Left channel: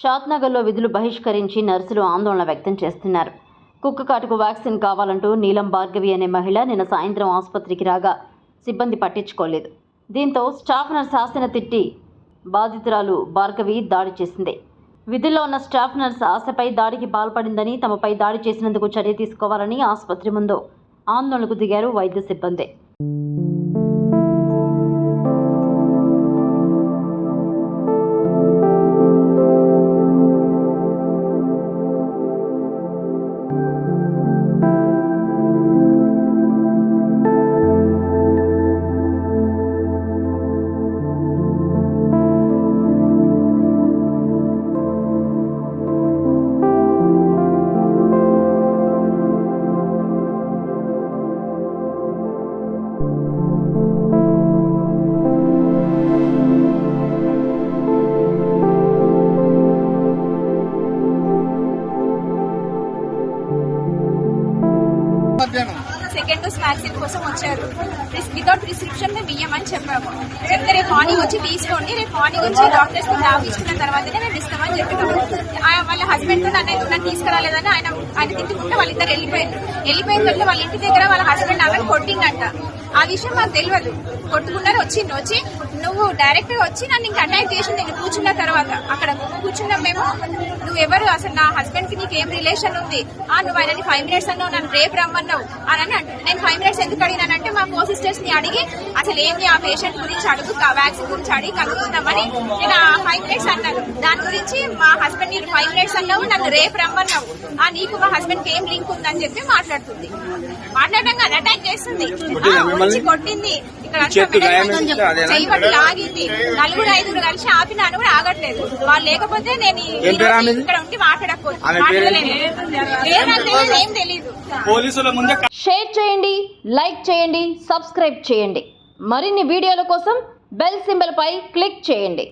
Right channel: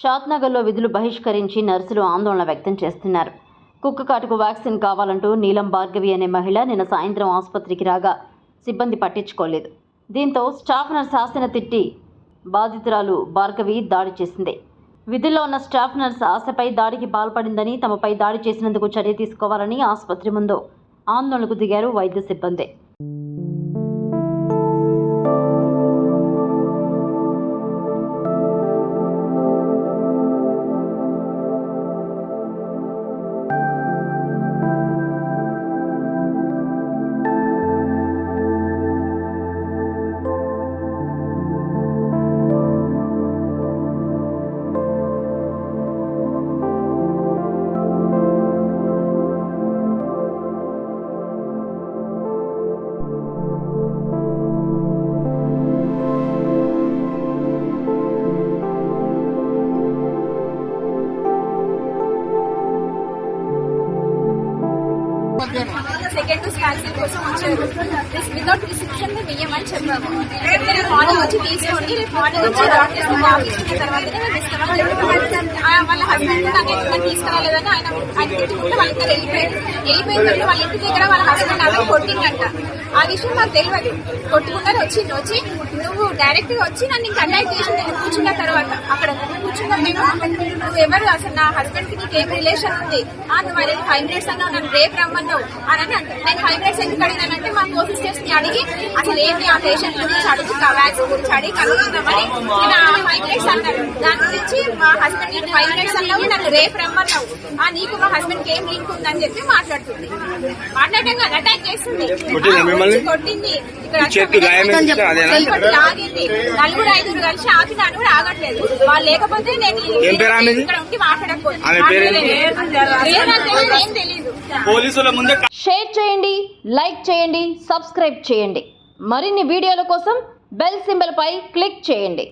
షాద్నగర్లో విధులు బహిష్కరించి నర్సులు ఆందోళన వ్యక్తం చేస్తున్నారు. కుక్క కాటుకు వ్యాక్సిన్ కావాలంటూ నీలం భార్గవి అనే మహిళ నిన్న సాయంత్రం ఆసుపత్రికి రాగా సిబ్బంది పట్టించుకోలేదు. దీంతో స్టాఫ్ నర్స్ ఆశను తిట్టి బాధితురాలు భార్గవి దాడి చేసింది. విధుల్లో ఉన్న స్టాఫ్ నర్స్ ఆశపై దాడికి పాల్పడిందని, తమపై దాడి చేసినందుకు చర్య తీసుకోవాలని ఆసుపత్రి ముందు ఆందోళనకు దిగారు వైద్య సిబ్బంది. సెకండ్ డోస్ వ్యాక్సిన్ కోసం వచ్చారు. వితౌట్ ప్రిస్క్రిప్షన్ మేము ఇయ్యమని చెప్పాము. రేపు మార్నింగ్ వచ్చి తీసుకోండి, రేపు మార్నింగ్ వచ్చి డాక్టర్స్ డాక్ ఇచ్చిన తర్వాతనే మేము ఇస్తామని చెప్పాము. వాళ్ళ హస్బెండ్ నన్ను తీసుకురాలేదని ఆయన తిట్టుకుంటే వాళ్ళిద్దరు వెళ్ళిపోయిన తర్వాత వాళ్ళ ఇంటి దగ్గర వాళ్ళ హస్బెండ్ ఆమె కొట్టిందంట. ఆ విషయం మాకు తెలియదు. కొట్టుకున్నారు. వచ్చి నువ్వు డైరెక్ట్ గా వచ్చి నన్ను ఇంకా అటాక్ చేసి నేను కూర్చున్న తర్వాత అక్కడ కూర్చున్న మేము నువ్వు ఎవరు అసలు నా హస్బెండ్ కి నీకు ఏం రిలేషన్ ఉంది, నువ్వు ఆయనకి 5 minutes అన్నావు, నన్ను రేపు రమ్మన్నావు అని నేను 5 minutes ఎందుకు అడిగినానంటే మా కో సిస్టర్స్ ని అడిగి అసలు ఏంటి ఆ పేషెంట్ గురించి అడుగు, వ్యాక్సిన్ గురించి అడిగి కనుగొన్నామని నేను 5 minutes అన్నాడు. దాని గురించి మా హస్బెండ్ నీకు 5 minutes అన్నావు, నన్ను రేపు రమ్మన్నావు, నీకు మా హస్బెండ్ కి ఏం లింక్ ఉందని చెప్పి మాట్లాడుతుంది. మాట్లాడటంగా అటాక్ చేస్తుంది, కొట్టింది, ఇక్కడ ఆగింది. 4-5 కలిసి ఆపినాను కూడా ఆగట్లేదు. వాళ్ళు లేకపోతే నేను ఇక్కడ ఉండి మాట్లాడకపోతే ఏం తెలీదు. షేర్ చేయండి, లైక్ చేయండి, సబ్స్క్రైబ్ చేయండి. మరిన్ని వీడియోల కోసం బెల్ సింబల్ పై క్లిక్ చేయండి.